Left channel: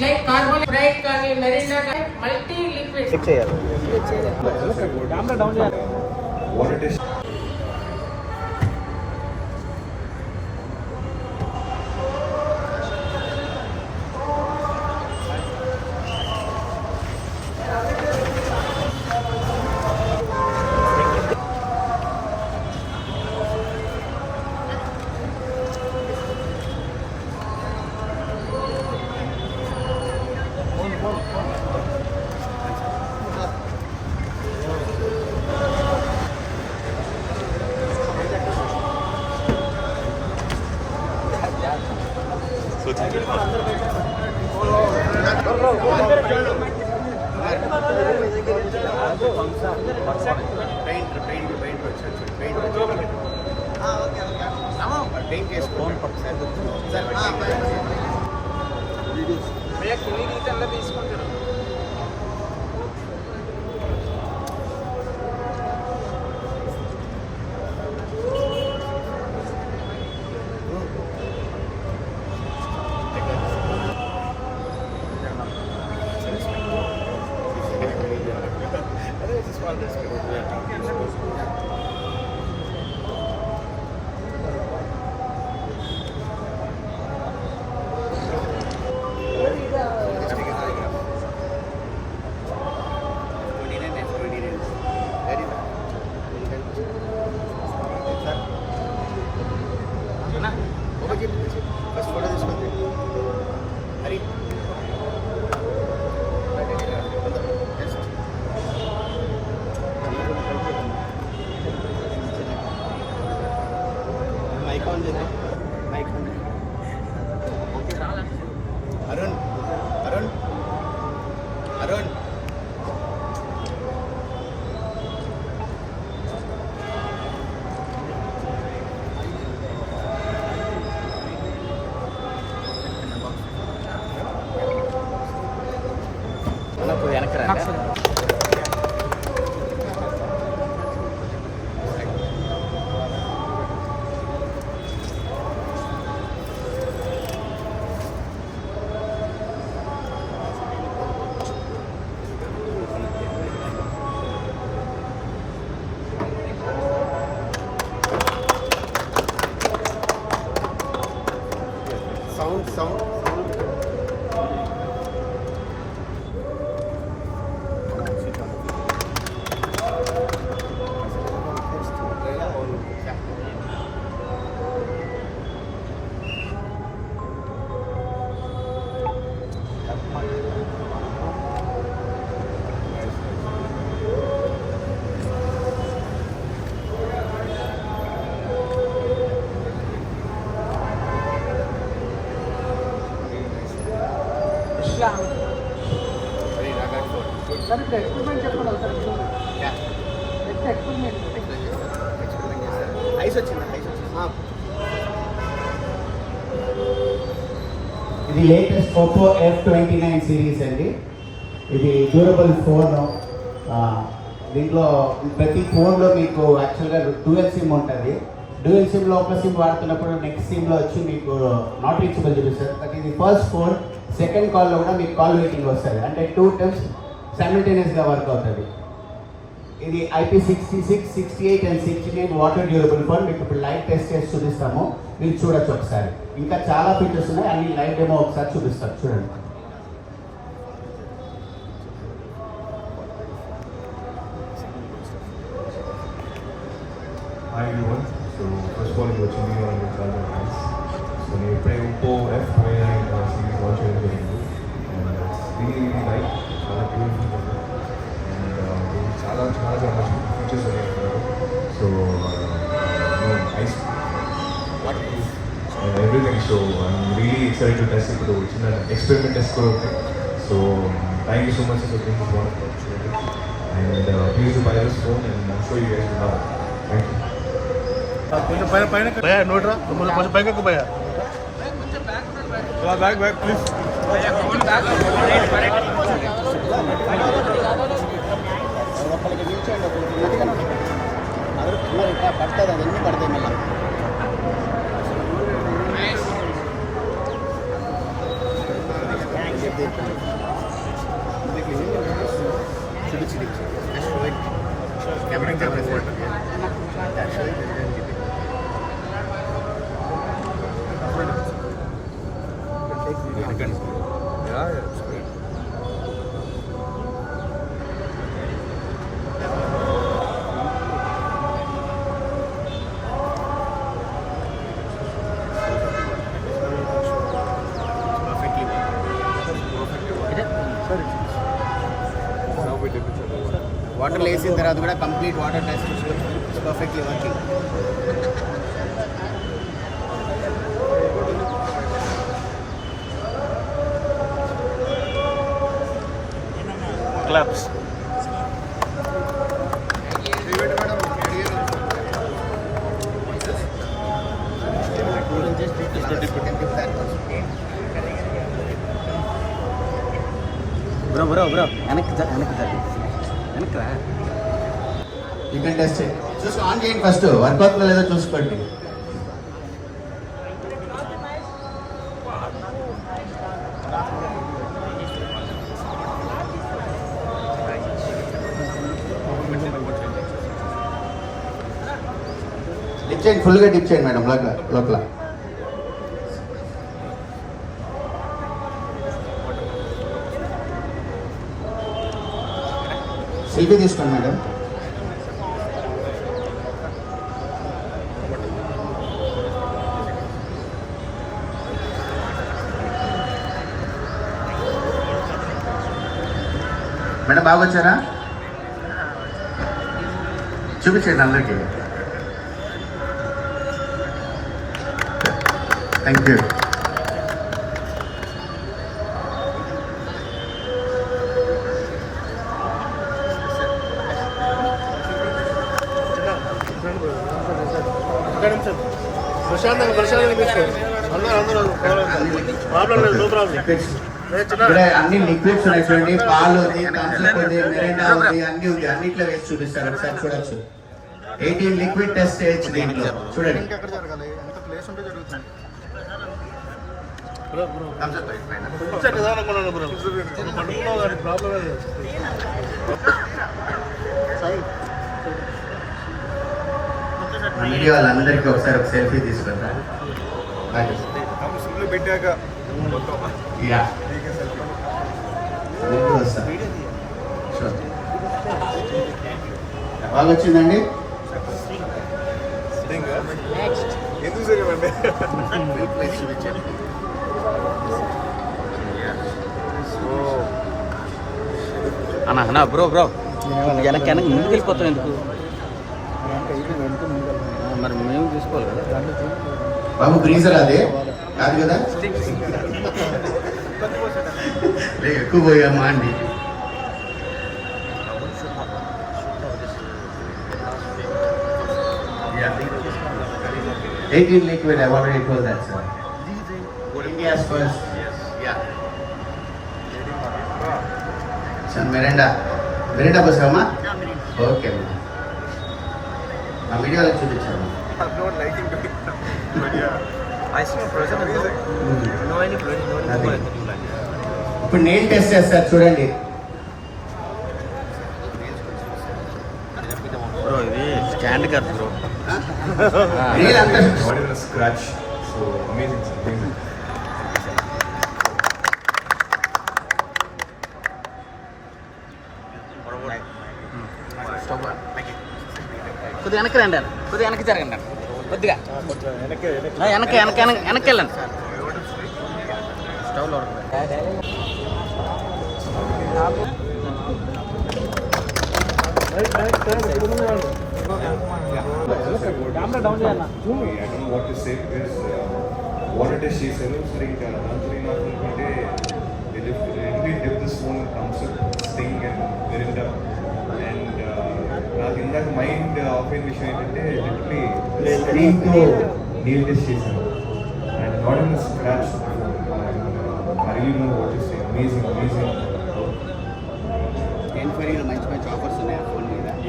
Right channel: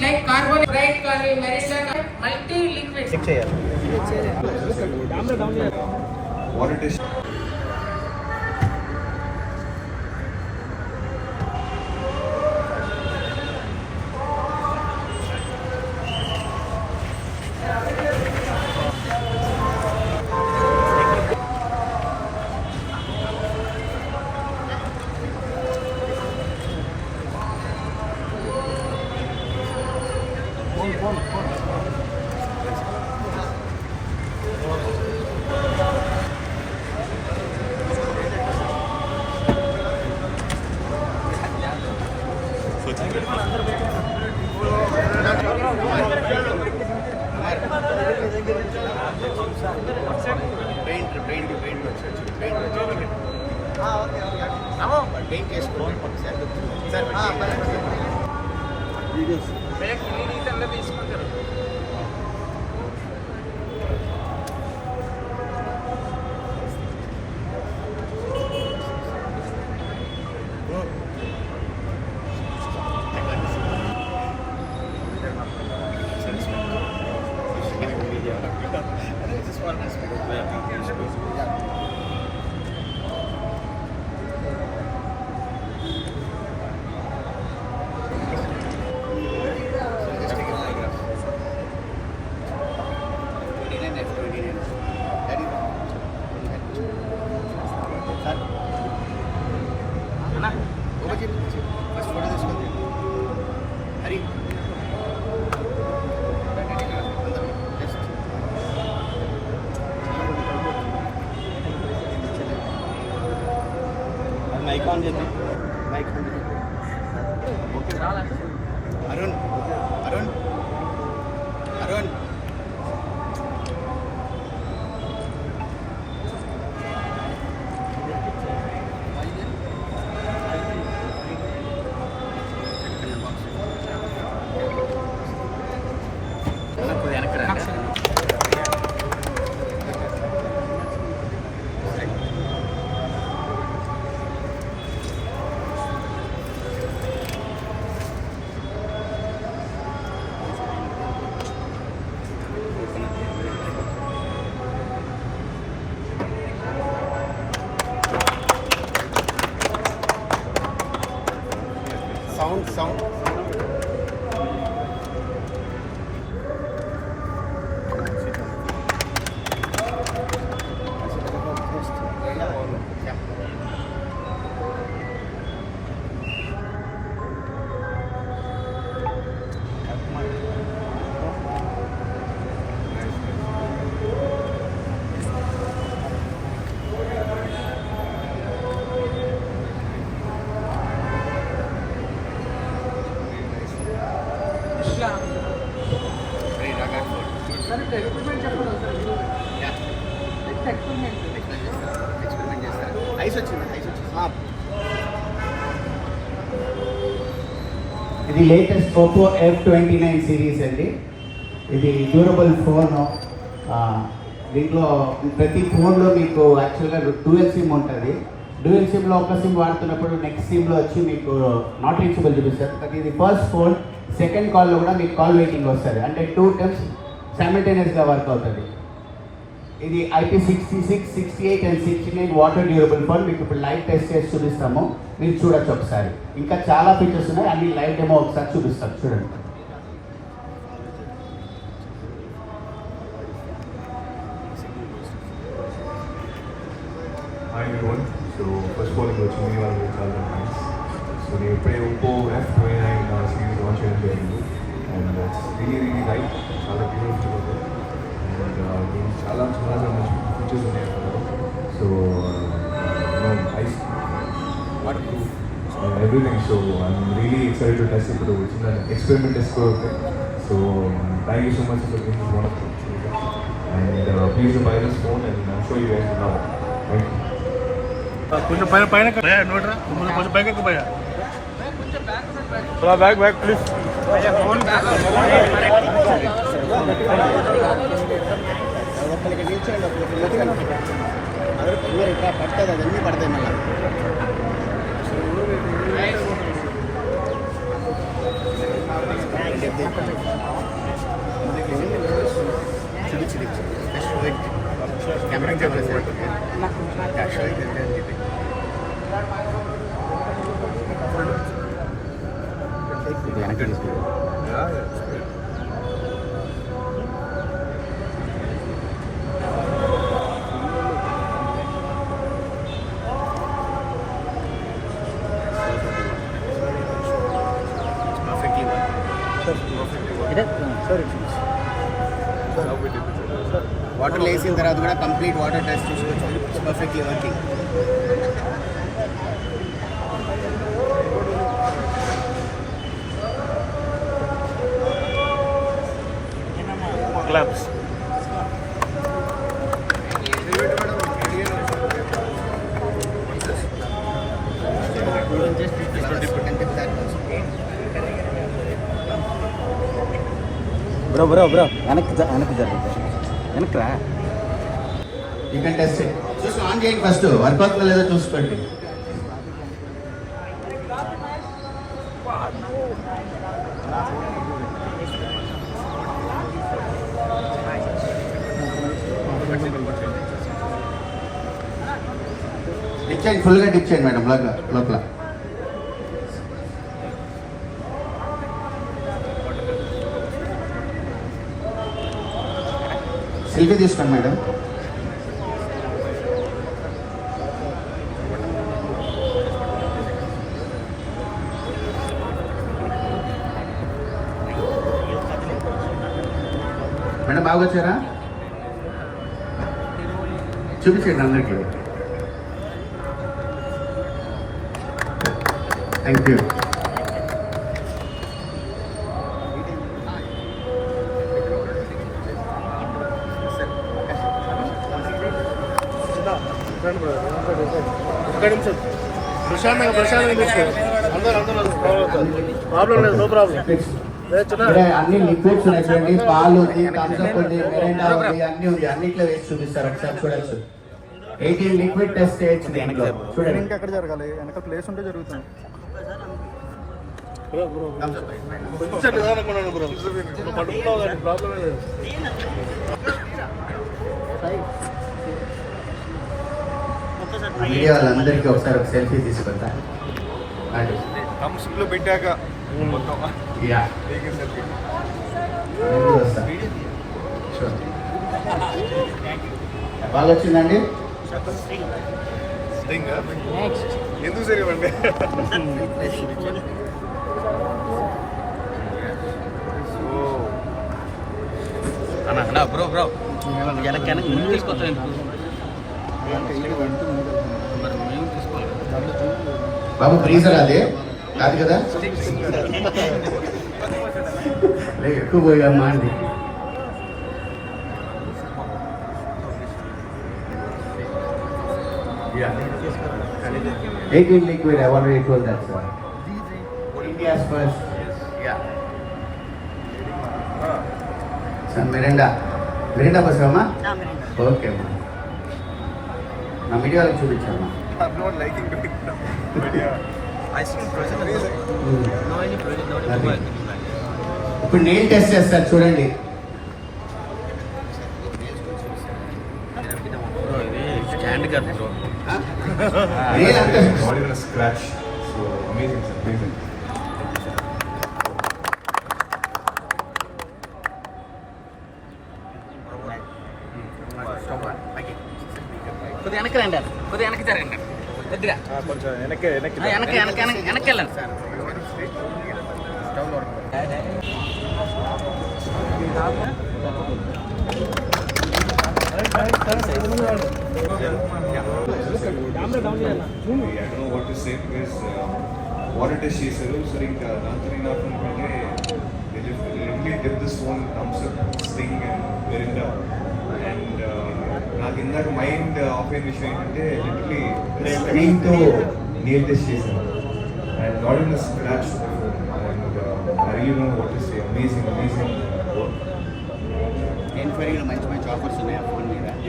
like carbon, bright carbon, merida, multi liquids. What it is. Arun. Sound. ఇది latest Oppo F29 series అండి. ఇది durable phone. దీంట్లో ప్రతి ఫోన్లో మీకు యాక్చువల్గా డ్యూయల్ సిమ్ ఉంటుంది. డ్యూయల్ సిమ్లో ఒక సిమ్ వాడుతున్నప్పుడు నెక్స్ట్ సిమ్లో వచ్చి మీకు నాట్ రీచబుల్ చూపిస్తుంది. బట్ ఇది ఫస్ట్ ఫోన్, సెకండ్ కాల్లో కూడా మీకు కాల్ వెయిటింగ్ వస్తుంది. అంటే 2 times సైమల్టేనియస్గా వర్క్ అవుతుంది. ఇది IP66, 68 and 69 వాటర్ డ్యూరబుల్ ఫోన్. మీకు ఇప్పుడు లైవ్ టెస్ట్ చేసి చూపిస్తాము, మీరు చూడొచ్చు ఒకసారి. ఇంకా చాలా ఫీచర్స్ ఉన్నాయి, అన్ని లైవ్ డెమో ఒకసారి చూపిస్తాం, చూడండి. Hi everyone. So first of all, I'm watching you on the Calvin Heights. So we play Oppo F29 series launch and it's really nice. Chala beautiful ఉంది. And చాలా మంచి ఫీచర్స్ ఉన్నాయి అన్నారు. So nice waterproof and everything. So I'm really excited to test it. ఇప్పుడు చిన్న experiment test కూడా ఉంది. So thank you so much for giving this wonderful opportunity. And please do buy this phone and I'm sure you guys will love it. Thank you. కొంచెం పైన భయ్యా నోట్రా, కొంచెం పైకి భయ్యా, బ్యాగ్ ప్లీజ్. పడుతుంది, అవన్నీ పడతాయి మళ్ళీ. Friends. Yeah, it's great. Water వేసిన తర్వాత కూడా కంప్లీట్ వాటర్ టెస్ట్ చూసుకోవచ్చు. It's perfectly working. Claps. Bro వెనక్కి రా. యూ కెన్ టెస్ట్ చూసి ఆన్ చేయండి. ఫస్ట్ వర్క్ అవుతుందో లేదో చూసుకోండి. డిప్ చేయండి, ఫుల్గా డిప్ చేయండి మేడం లోపల. సెల్ఫీ తీసుకోండి మేడం. మేడం బాగా వచ్చారా? చూపించండి అందరికీ. Thank you. అన్ని లిక్విడ్స్ ఉన్నాయి చూడండి. పాలు ఉంది, థమ్స్అప్ ఉంది, మిరిండా ఉంది, అన్ని ఉంది. అన్నిట్లో వేసి చూపిస్తారు, ఒకసారి చూడొచ్చు. 18 లిక్విడ్ టెస్ట్ చేయొచ్చు దీంట్లో. చూడండి. మీడియా వాళ్ళందరికీ ఒకసారి ఒక సెల్ఫీ తీసుకుంటా. థమ్స్అప్లో పెట్టాక మొత్తం యా సెల్ఫీ. బాగా వచ్చిందండి. ఎందుకు సరిగండి? అన్న బ్రో ముందు తీసుకొస్తాం. బాబు గ్రీజర్ అదే కాదు కదా? ఎక్కువ పోయామ్మా అండి. Yeah. 18 liquid, I already told that, sir. India's first. Yeah. Some Mirinda. Mirinda పోసావమ్మా? ఓకే అమ్మా. నా వీడియోలో చూపించాము. I'm not liking it, but yeah. ఇప్పుడు నెయిల్ టెస్ట్ చేస్తారు చూడండి. స్టాండ్ కాదు bro. Not even a scratch. So amazing, sir. Amazing. కొద్దిగా వెనక్కి రండి, కొద్దిగా వెనక్కి జరగండి, కొద్దిగా వెనక్కి వెళ్ళండి. స్టవ్లో I don't know what to say because water test చేశారు. సరే ఇంకా రాత్రి నాకు అనుకుంటే really dip this one thumbs up, Sting and Mirinda. And నాకు ఇందాక మైండ్ ఆఫ్ అయిన విషయం ఏంటంటే లిటరలీ స్క్రీన్తో నీల్ టెస్ట్ చేశాను and not in scratch. I really know what to say. Amazing మంచి మంచి ఆఫర్స్ ఉన్నాయి.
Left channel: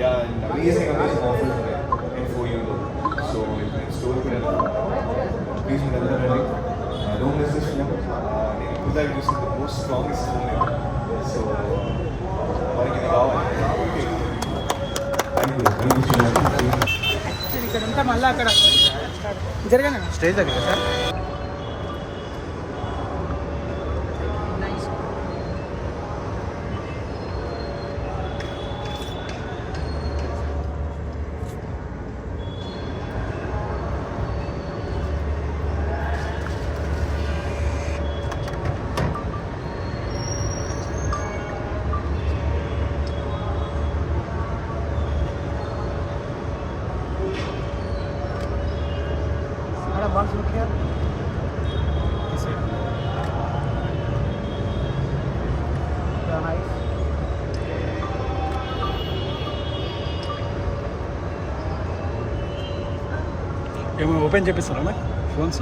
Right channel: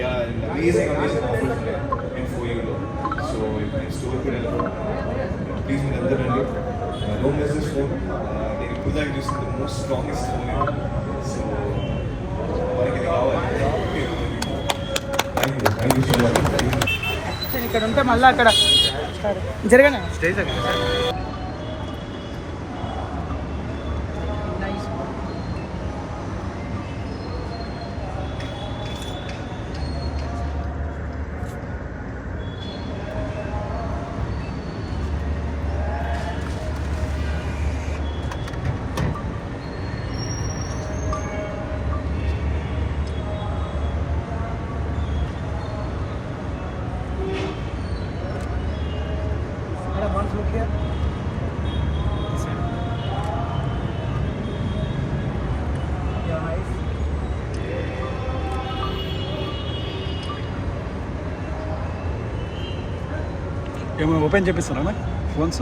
యా, అమేజింగ్ ఆఫర్స్ ఉన్నాయి and for you. So store కూడా ప్లీజ్ మీరు అందరూ రండి. Don't miss this phone. నేను ఇప్పుడు దాకా చూసిన the most strongest phone. So మనకి రావాలి. Thank you so much. ఇక్కడ ఉంటే మళ్ళీ అక్కడ జరగనా స్టేజ్ దగ్గర look here. Your eyes. ఏమైనా ఓపెన్ చేపిస్తారా నాకు ఫోన్స్?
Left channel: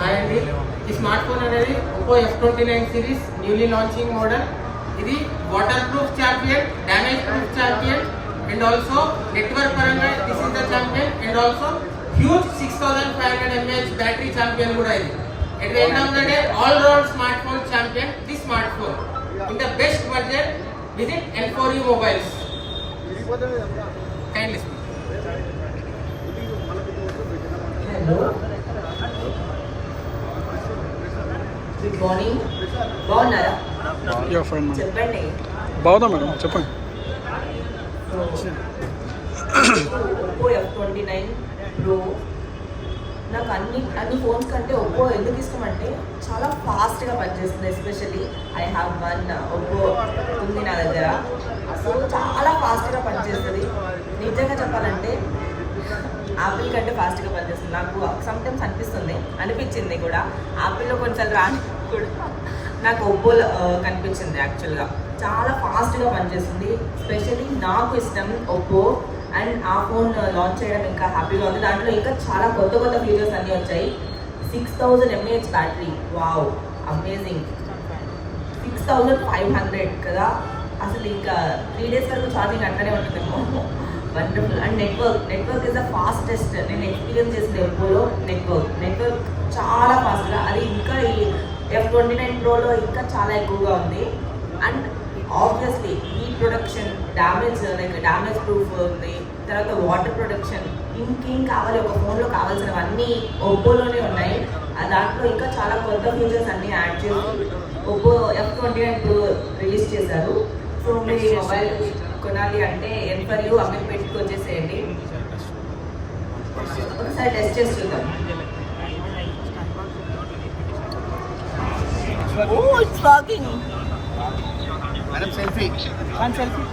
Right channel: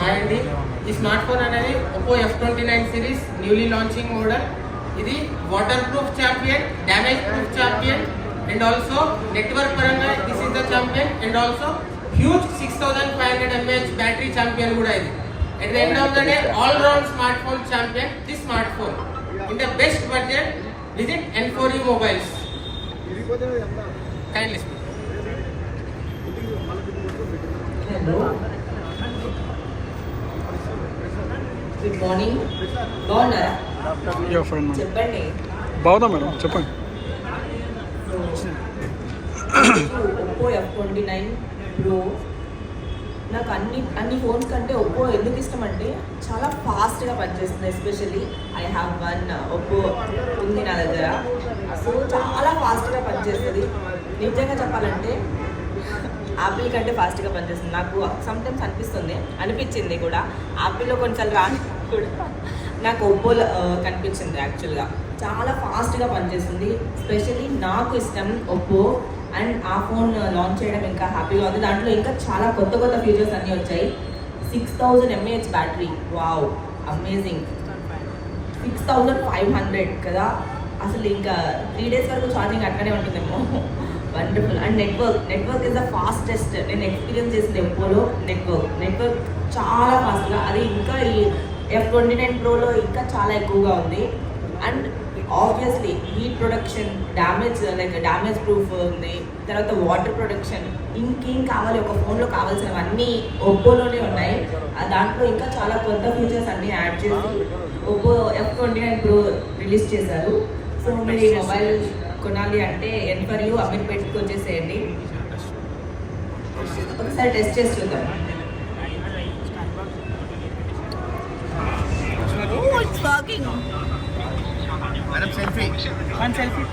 హాయ్ అండి, ఈ స్మార్ట్ ఫోన్ అనేది Oppo F29 series newly launching model. ఇది water proof champion, damage proof champion and also network పరంగా this is the champion and also huge 6500 mAh battery champion కూడా ఇది. At the end of the day, all-round smartphone champion. This smartphone in the best budget. Visit N4U Mobiles. Kindly. Hello. Good morning. బాగున్నారా? Yeah fine madam. చెప్పండి. బాగున్నా మేడం, చెప్పండి. Oppo F29 Pro. నాకు అన్ని ఫోన్స్ కంటే ఒప్పో ఎందుకు ఇష్టం అంటే చాలా ఫాస్ట్గా పనిచేస్తుంది. Especially I have one Oppo ఉంది నా దగ్గర. సో చాలా ఫాస్ట్గా పనిచేస్తుంది. నిజంగా చెప్పాలంటే యాపిల్ కంటే ఫాస్ట్గా పనిచేస్తుంది. నాకు సమ్టైమ్స్ అనిపించింది కూడా యాపిల్లో కొంచెం రాని కూడా నాకు ఒప్పోలో కనిపించింది. యాక్చువల్గా చాలా ఫాస్ట్గా పనిచేస్తుంది. స్పెషల్లీ నాకు ఇష్టం ఒప్పో. అండ్ ఆ ఫోన్ లాంచ్ చేయడం ఇంకా హ్యాపీగా ఉంది. దాంట్లో ఇంకా చాలా కొత్త ఫీచర్స్ అన్నీ వచ్చాయి. 6000 mAh బ్యాటరీ, వావ్ అమేజింగ్. 6500 కదా, అసలు ఇంకా 3 days వరకు ఛార్జింగ్ అట్లనే ఉంటుందేమో. Wonderful. And network is the fastest. నేను ఎక్స్పీరియన్స్ చేసిన ఒప్పోలో నెట్వర్క్ చాలా ఫాస్ట్గా, అది ఇంకా ఈ F29 Proలో ఇంకా చాలా ఎక్కువగా ఉంది. And obviously heat production, damage proof ఉంది. తర్వాత వాటర్ ప్రొడక్షన్, ఇంకేం కావాలి ఒక ఫోన్లో కావాల్సినవన్నీ ఒప్పోలోనే ఉన్నాయి. దాంట్లో ఇంకా చాలా కొత్త ఫీచర్స్ అన్నీ యాడ్ చేసి ఒప్పో F29 Pro రిలీజ్ చేశారు. సో మీరు ఈ మొబైల్ కొనాలి అంటే N4U అమీర్పేట్కి వచ్చేసేయండి. ఒకసారి టెస్ట్ చేసి చూద్దాం. It's working. Madam, selfie. One selfie.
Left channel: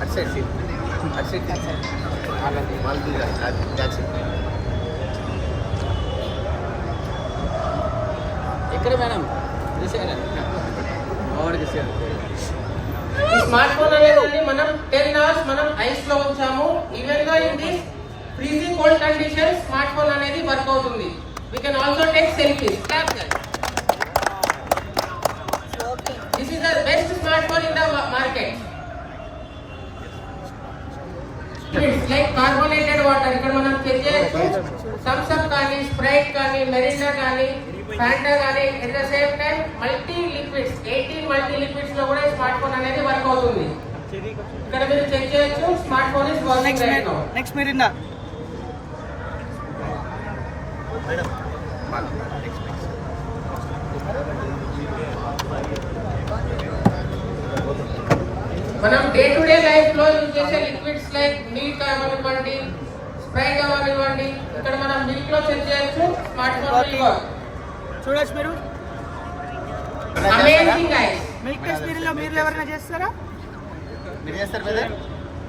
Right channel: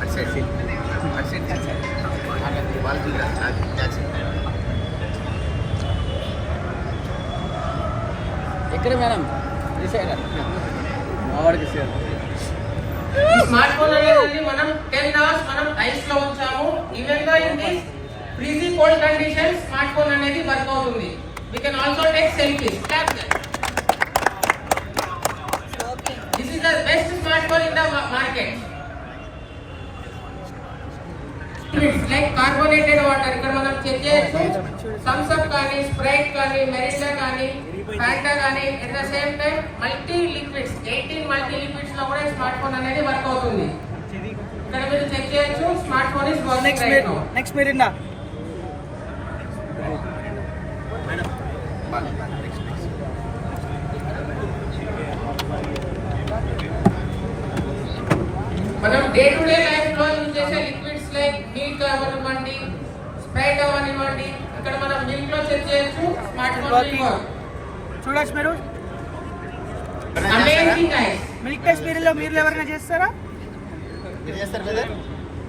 That's it. That's it. Wall to that's it. ఎక్కడ మేడం? This side. మావాడి దిస్ సైడ్. ఈ స్మార్ట్ ఫోన్ అనేది మనం 10 hours మనం ఐస్ లో ఉంచాము. ఈవెన్ గా in this freezing cold condition smart phone అనేది వర్క్ అవుతుంది. We can also take selfies. Tap there. This is the best smartphone in the market. It's like carbonated water. ఇక్కడ మనం చెక్ చేయొచ్చు. థమ్స్ అప్ కానీ, స్ప్రైట్ కానీ, మెరినా కానీ, ఫ్యాంటా కానీ, at the same time multi liquids 18 multi liquids లో కూడా స్మార్ట్ ఫోన్ అనేది వర్క్ అవుతుంది. ఇక్కడ మీరు చెక్ చేయొచ్చు. Smart phone is working right now. Next Mirinda? మనం డే టు డే లైఫ్ లో యూజ్ చేసే లిక్విడ్స్ లైక్ మిల్క్ అవనివ్వండి, స్ప్రైట్ అవనివ్వండి, ఇక్కడ మనం మిల్క్ లో చెక్ చేయొచ్చు. స్మార్ట్ ఫోన్ చూడొచ్చు మీరు. Amazing guys. మిల్క్ టెస్ట్ మీరు ఎవరైనా చేస్తారా? మీరు చేస్తారు కదా.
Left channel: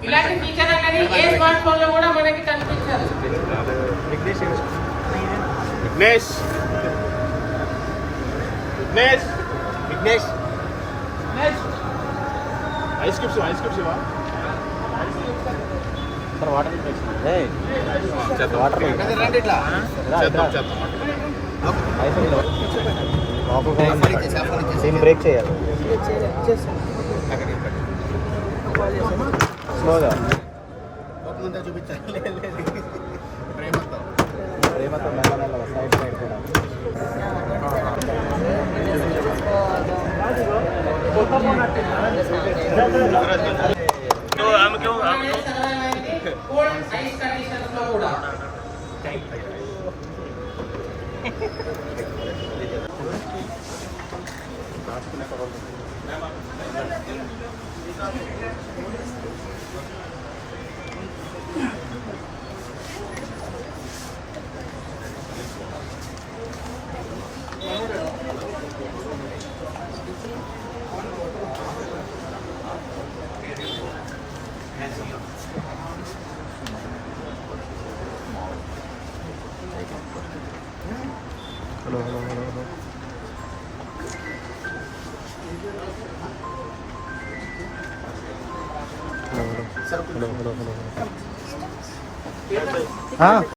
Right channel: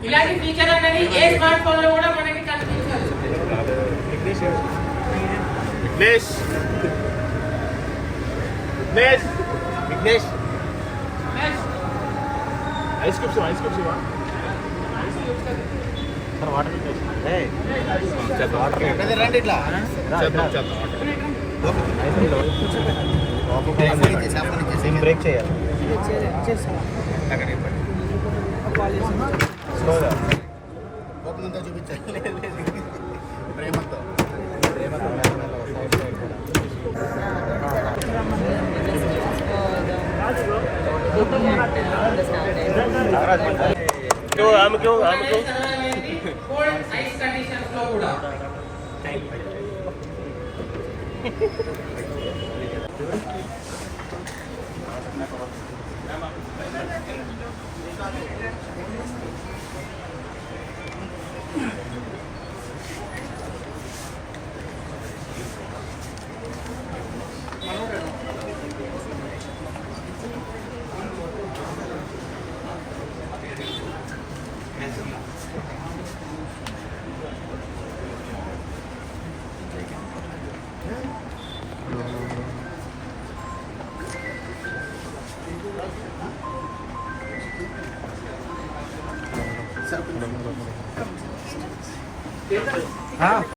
ఇలాంటి ఫీచర్ అనేది ఏ స్మార్ట్ ఫోన్ లో కూడా మనకి కనిపించదు. విఘ్నేష్ ఐస్ క్యూబ్స్ ఇవా రండి ఇట్లా బ్రేక్ చేయాలి. స్లోగా చూపించాలి. సర్వైవ్ అయింది కోల్డ్ ఐస్ కండిషన్స్ లో కూడా. హలో